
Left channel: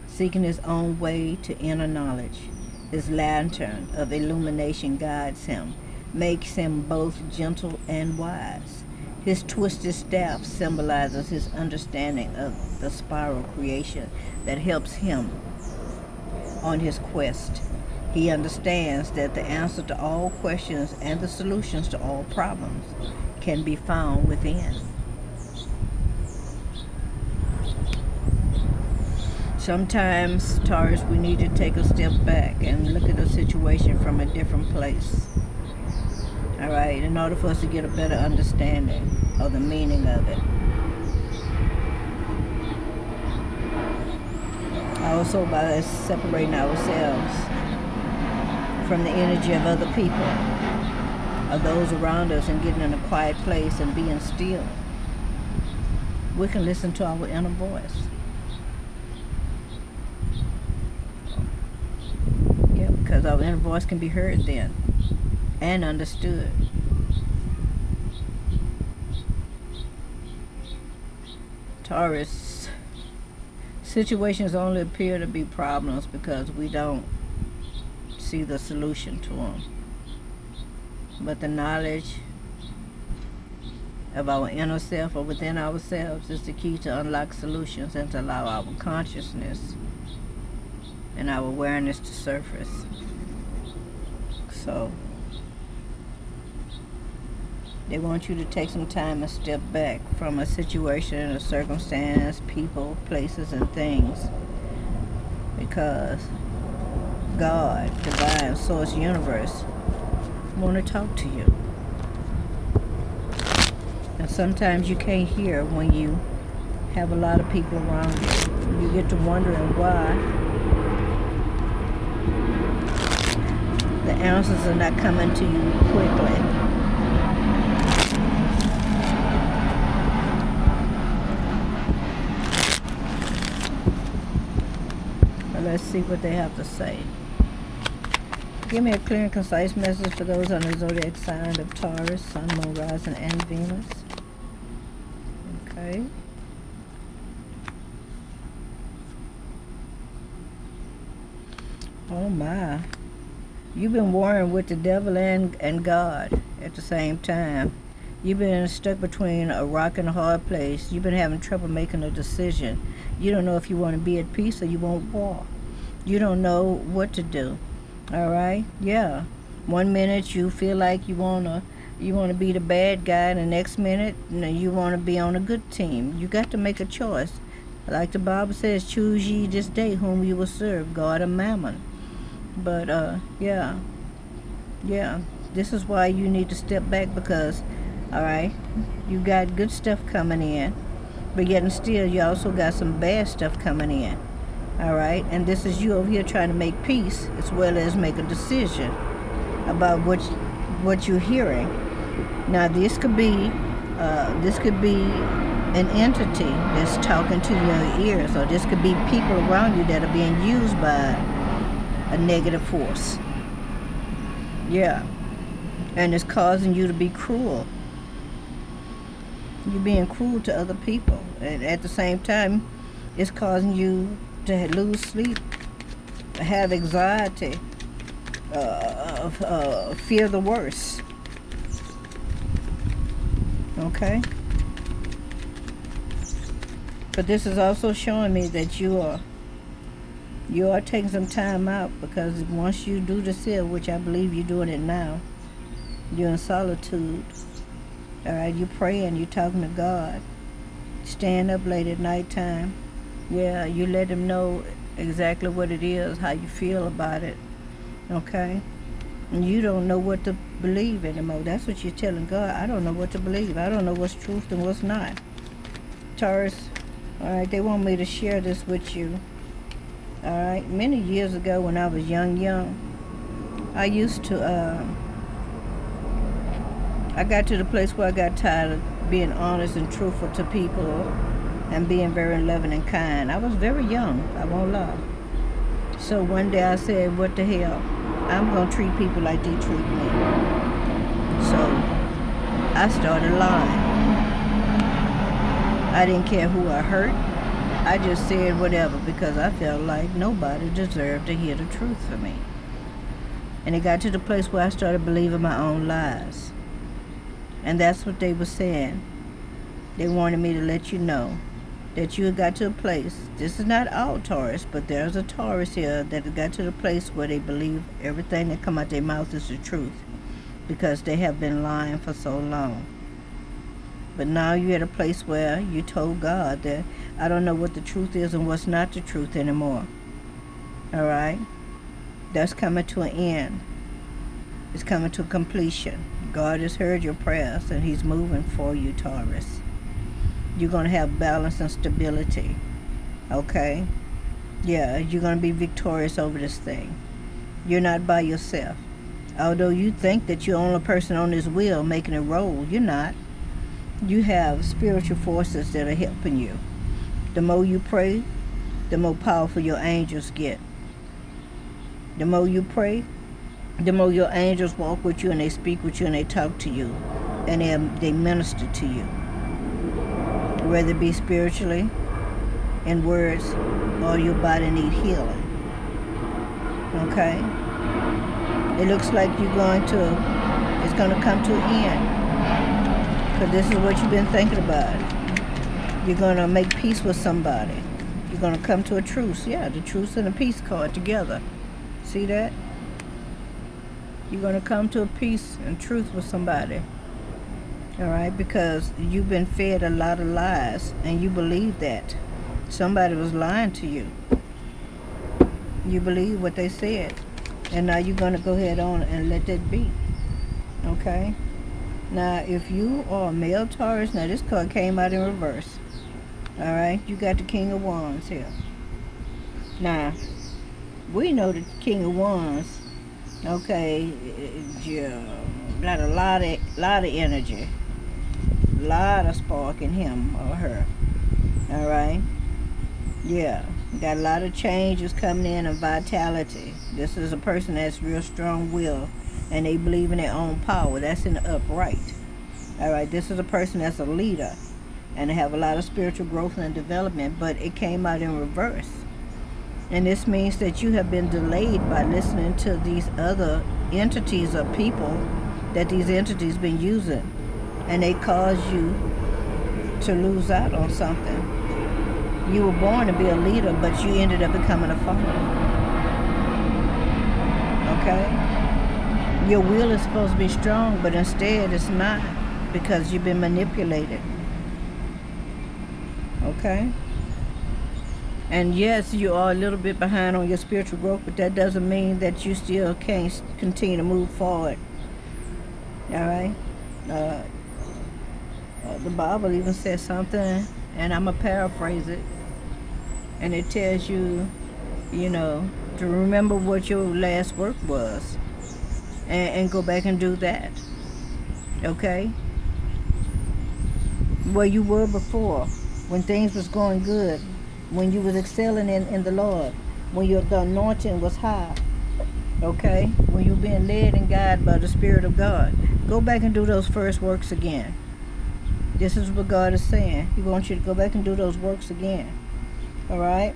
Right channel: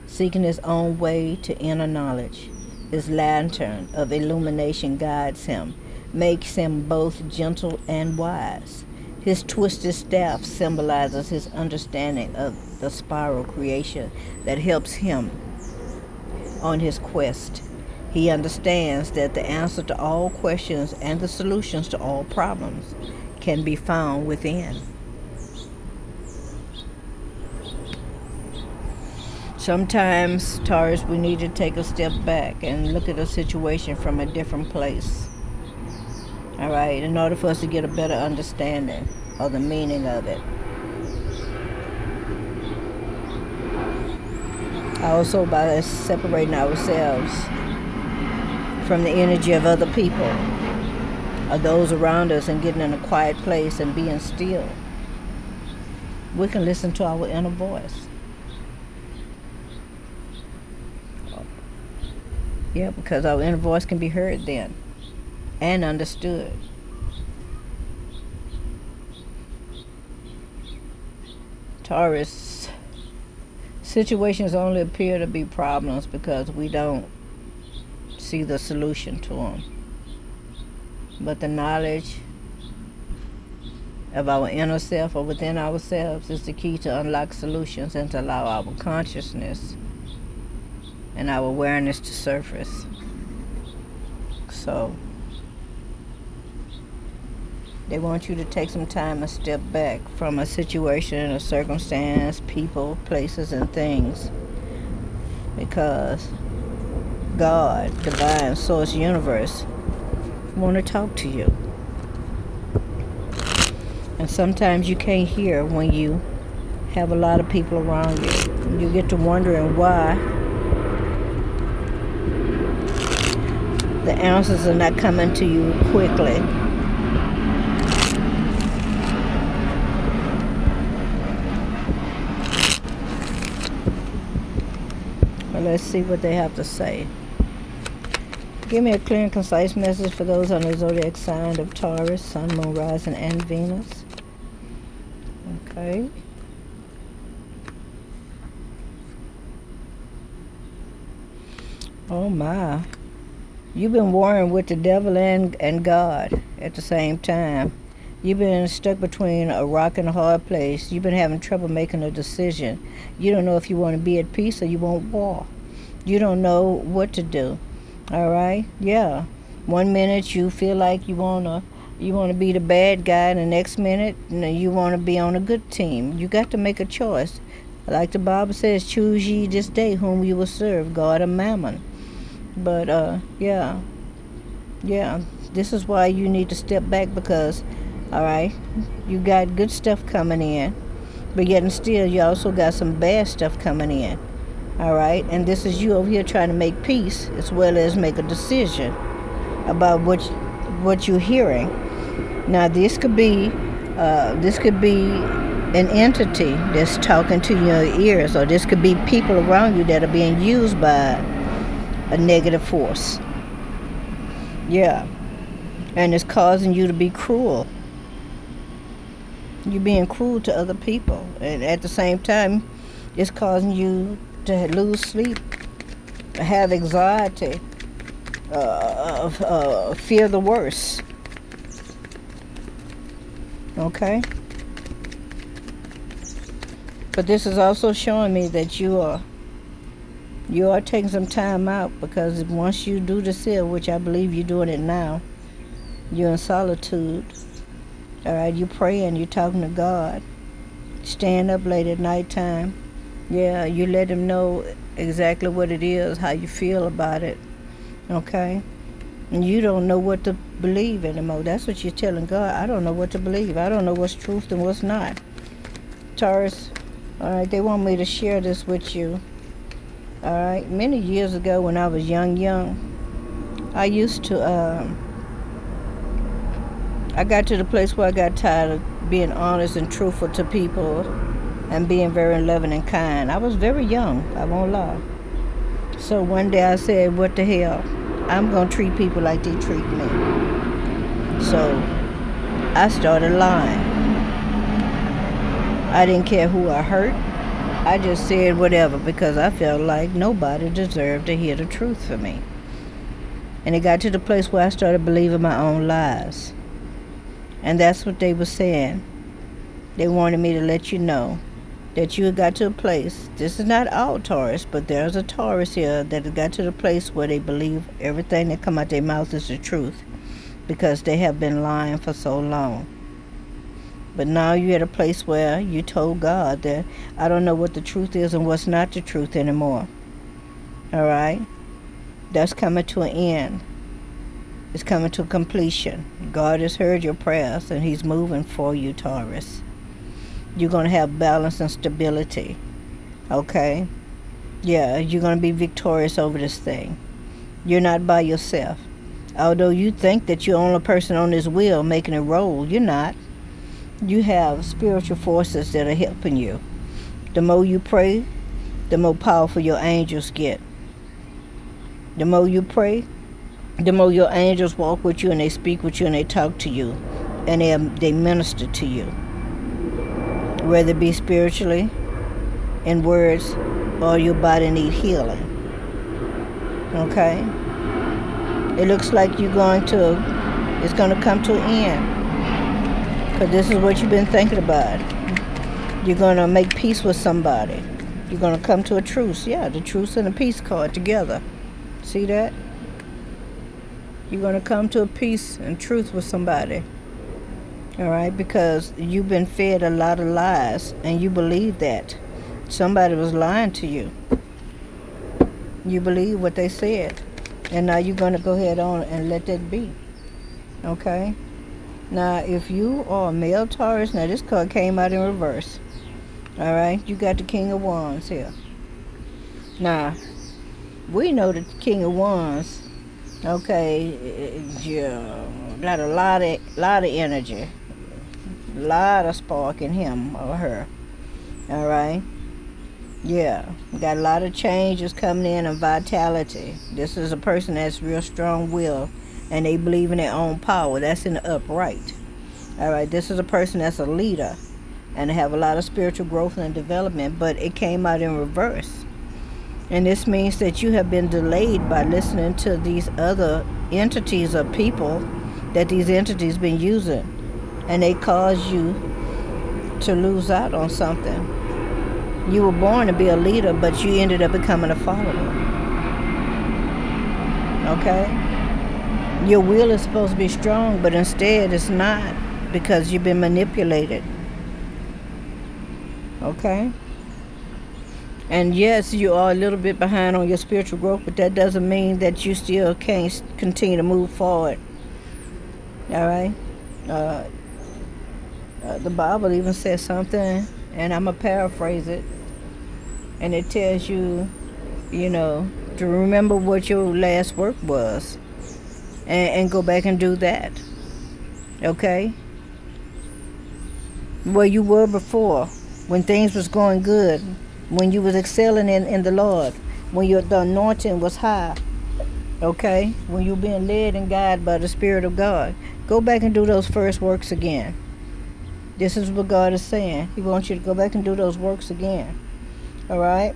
seeking his own way to inner knowledge. His lantern of illumination guides him, makes him both gentle and wise. His twisted staff symbolizes his understanding of the spiral creation that helps him on his quest. He understands that the answer to all questions and the solutions to all problems can be found within. Sometimes, Taurus, we need to take a step back and look at a situation from a different place. Alright, in order for us to get a better understanding of the meaning of it. Also, by separating ourselves from the energy of other people, of those around us, and getting in a quiet place and being still, we can listen to our inner voice. Yeah, because our inner voice can be heard then and understood. Taurus, situations only appear to be problems because we don't see the solution to them. But the knowledge of our inner self or within ourselves is the key to unlock solutions and to allow our consciousness and our awareness to surface. So, they want you to take some time and step back from a situation, a circumstance, people, places, and things, because God, divine source, universe, want to talk to you. And sometimes you can't hear when you have a lot of people around you. You get to wondering why the answers are not coming to you quickly. Let's see what they have to say. Give me a clear and concise message for those on the zodiac sign of Taurus, Sun, Moon, Rising, and Venus. Okay. Oh my. You've been warring with the devil and God at the same time. You've been stuck between a rock and a hard place. You've been having trouble making a decision. You don't know if you want to be at peace or you want war. You don't know what to do. All right? Yeah. One minute you feel like you wanna be the bad guy, and the next minute you wanna be on a good team. You got to make a choice. Like the Bible says, choose ye this day whom you will serve, God or Mammon. But yeah. This is why you need to step back, because, all right, you got good stuff coming in, but yet and still you also got some bad stuff coming in. All right, and this is you over here trying to make peace as well as make a decision about what you're hearing. Now this could be an entity that's talking to your ears, or this could be people around you that are being used by a negative force. Yeah. And it's causing you to be cruel. You're being cruel to other people. And at the same time, it's causing you to lose sleep, have anxiety, fear the worst. Okay? But this is also showing me that you are taking some time out, because once you do this here, which I believe you're doing it now, you're in solitude. All right, you're praying, you're talking to God, staying up late at nighttime. Yeah, you let him know exactly what it is, how you feel about it. Okay? And you don't know what to believe anymore. That's what you're telling God. I don't know what to believe. I don't know what's truth and what's not. Taurus, all right, they want me to share this with you. All right, many years ago when I was young, I used to, I got to the place where I got tired of being honest and truthful to people and being very loving and kind. I was very young, I won't lie. So one day I said, what the hell? I'm going to treat people like they treat me. So I started lying. I didn't care who I hurt. I just said whatever, because I felt like nobody deserved to hear the truth from me. And it got to the place where I started believing my own lies. And that's what they were saying. They wanted me to let you know that you got to a place. This is not all Taurus, but there's a Taurus here that got to the place where they believe everything that come out their mouth is the truth, because they have been lying for so long. But now you're at a place where you told God that I don't know what the truth is and what's not the truth anymore. All right? That's coming to an end. It's coming to completion. God has heard your prayers, and he's moving for you, Taurus. You're going to have balance and stability. Okay? Yeah, you're going to be victorious over this thing. You're not by yourself. Although you think that you're the only person on this wheel making it roll, you're not. You have spiritual forces that are helping you. The more you pray, the more powerful your angels get. The more you pray, the more your angels walk with you, and they speak with you, and they talk to you, and they minister to you, whether it be spiritually, in words, or your body need healing. Okay? It looks like it's going to come to an end, because this is what you've been thinking about. You're going to make peace with somebody. You're going to come to a truce. Yeah, the truce and the peace card together. See that? You're going to come to a peace and truth with somebody. All right? Because you've been fed a lot of lies, and you believe that. Somebody was lying to you. You believe what they said. And now you're going to go ahead on and let that be. Okay? Now, if you are a male Taurus, now this card came out in reverse. All right? You got the King of Wands here. Now, we know the King of Wands, okay, got a lot of energy, a lot of spark in him or her. All right? Yeah, got a lot of changes coming in and vitality. This is a person that's real strong will and they believe in their own power. That's in the upright. All right, this is a person that's a leader and they have a lot of spiritual growth and development, but it came out in reverse. And this means that you have been delayed by listening to these other entities or people that these entities been using, and they cause you to lose out on something. You were born to be a leader, but you ended up becoming a follower. Okay? Your will is supposed to be strong, but instead it's not because you've been manipulated. Okay? And yes, you are a little bit behind on your spiritual growth, but that doesn't mean that you still can't continue to move forward. All right? The Bible even says something, and I'm going to paraphrase it. And it tells you, to remember what your last work was and go back and do that. Okay? Where you were before, when things was going good, when you was excelling in the Lord, when the anointing was high, okay? When you being led and guided by the Spirit of God. Go back and do those first works again. This is what God is saying. He wants you to go back and do those works again. All right?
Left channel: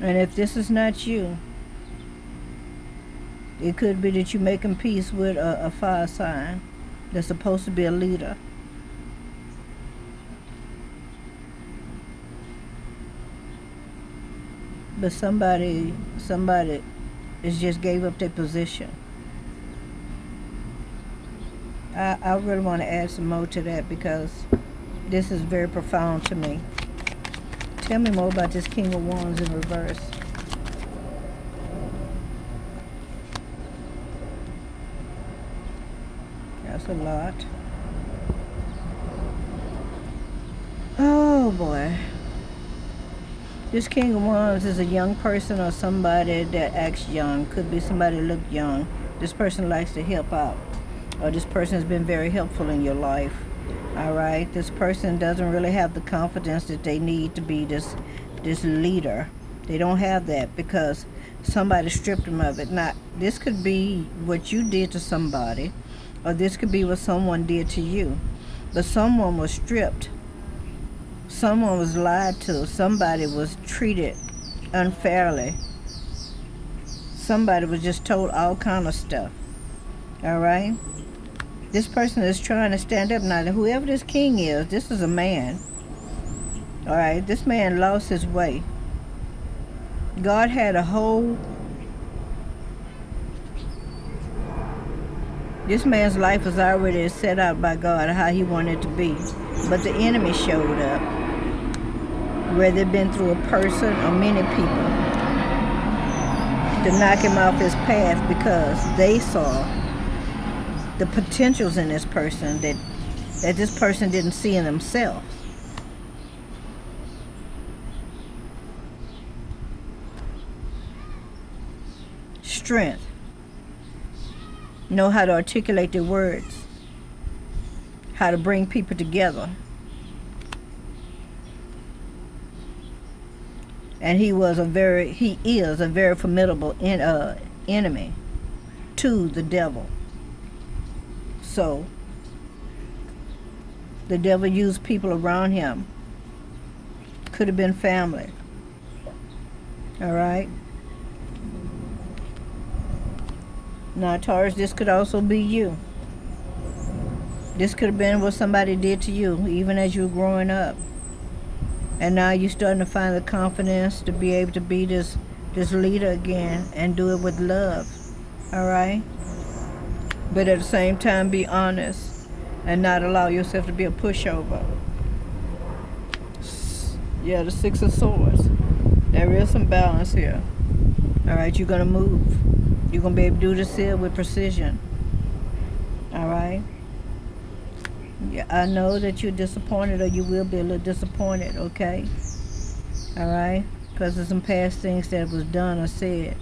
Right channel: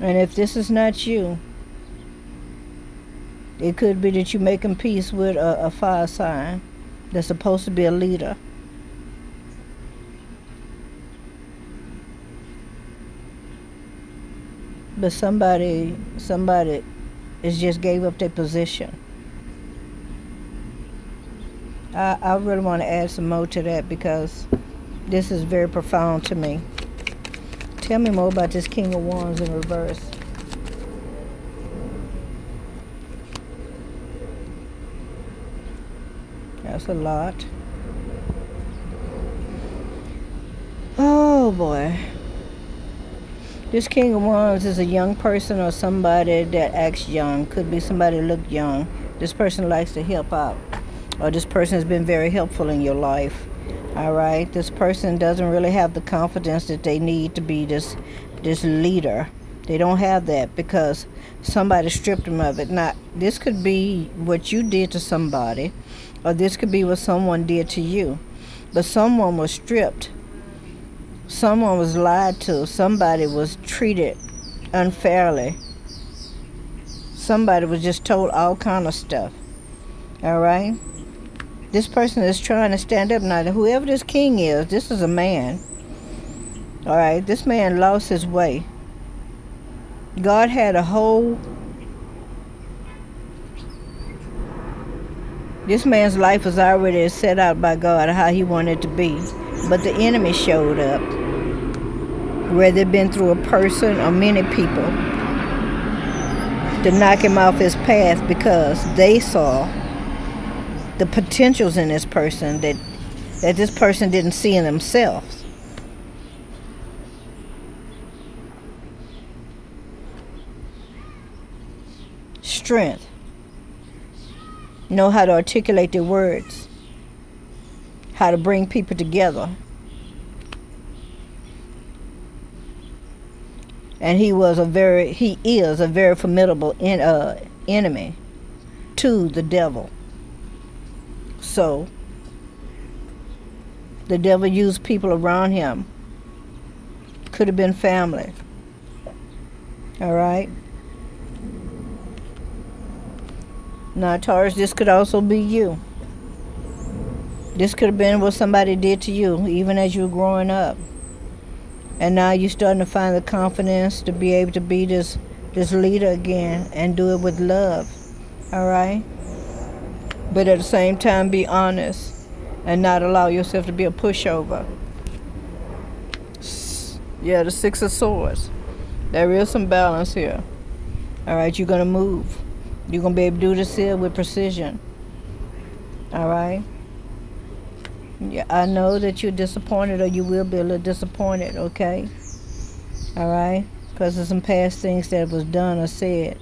And if this is not you, it could be that you're making peace with a fire sign that's supposed to be a leader. But somebody is just gave up their position. I really want to add some more to that because this is very profound to me. Tell me more about this King of Wands in reverse. That's a lot. Oh boy. This King of Wands is a young person or somebody that acts young. Could be somebody that look young. This person likes to help out. Or this person has been very helpful in your life. All right? This person doesn't really have the confidence that they need to be this leader. They don't have that because somebody stripped them of it. Now, this could be what you did to somebody, or this could be what someone did to you. But someone was stripped. Someone was lied to. Somebody was treated unfairly. Somebody was just told all kind of stuff. All right? This person is trying to stand up now. Whoever this king is, this is a man. All right? This man lost his way. God had a whole... This man's life was already set out by God how he wanted it to be. But the enemy showed up. Whether it been through a person or many people, to knock him off his path because they saw the potentials in this person that this person didn't see in themselves. Strength. Know how to articulate their words. How to bring people together. And he is a very formidable enemy to the devil. So, the devil used people around him. Could have been family. All right? Now, Taurus, this could also be you. This could have been what somebody did to you, even as you were growing up. And now you're starting to find the confidence to be able to be this leader again and do it with love. All right? But at the same time, be honest and not allow yourself to be a pushover. Yeah, the Six of Swords. There is some balance here. All right? You're going to move. You're going to be able to do this here with precision. All right? Yeah, I know that you're disappointed, or you will be a little disappointed, okay? All right? Because of some past things that was done or said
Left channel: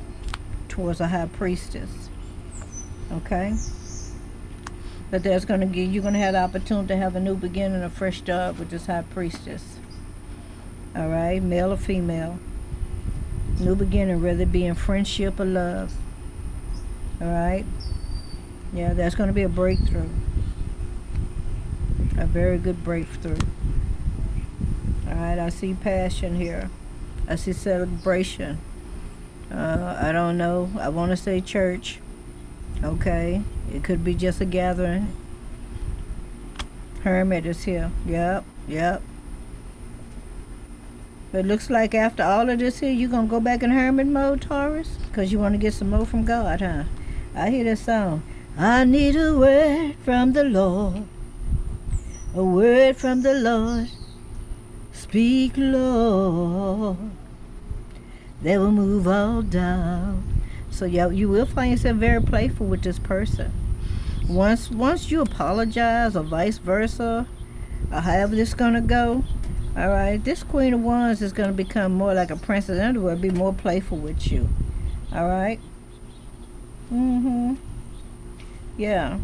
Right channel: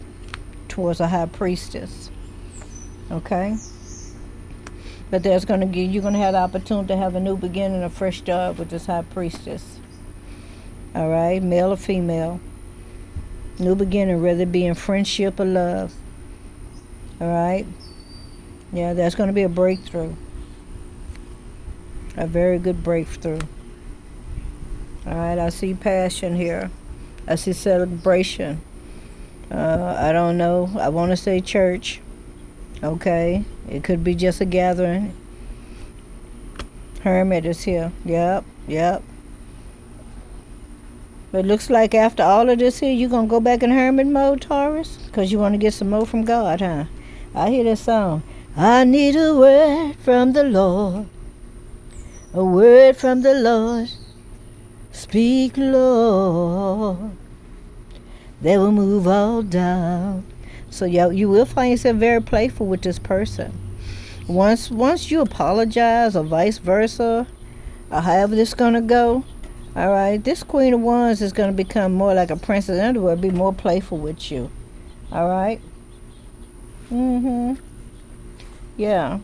towards a high priestess. Okay? But you're gonna have the opportunity to have a new beginning, a fresh start with this high priestess. All right, male or female. New beginning, whether it be in friendship or love. All right. Yeah, that's gonna be a breakthrough. A very good breakthrough. All right, I see passion here. I see celebration. I don't know. I want to say church. Okay. It could be just a gathering. Hermit is here. Yep, yep. But it looks like after all of this here, you're going to go back in hermit mode, Taurus? Because you want to get some more from God, huh? I hear that song. I need a word from the Lord. A word from the Lord. Speak, Lord. They will move all down. So yeah, you will find yourself very playful with this person. Once you apologize, or vice versa, or however this gonna go, all right, this Queen of Wands is gonna become more like a princess underwear, be more playful with you. All right. Yeah.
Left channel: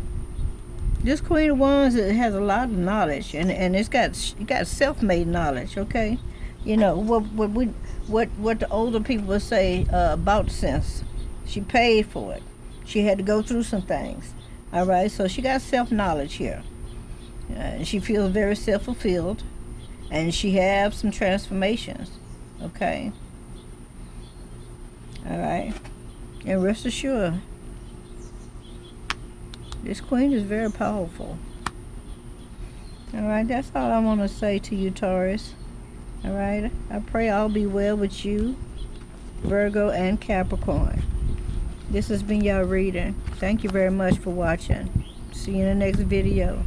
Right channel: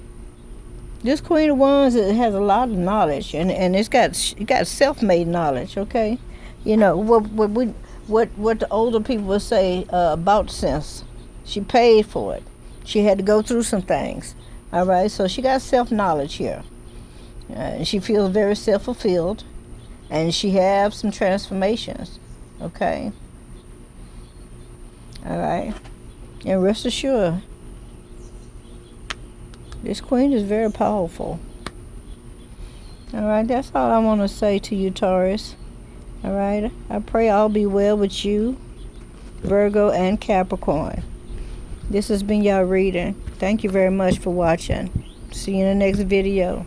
This Queen of Wands has a lot of knowledge, and it got self-made knowledge. Okay, you know what the older people would say about sense. She paid for it. She had to go through some things. All right, so she got self-knowledge here, and she feels very self-fulfilled, and she has some transformations. Okay. All right, and rest assured, this queen is very powerful. All right, that's all I want to say to you, Taurus. All right, I pray all be well with you, Virgo and Capricorn. This has been your reading. Thank you very much for watching. See you in the next video.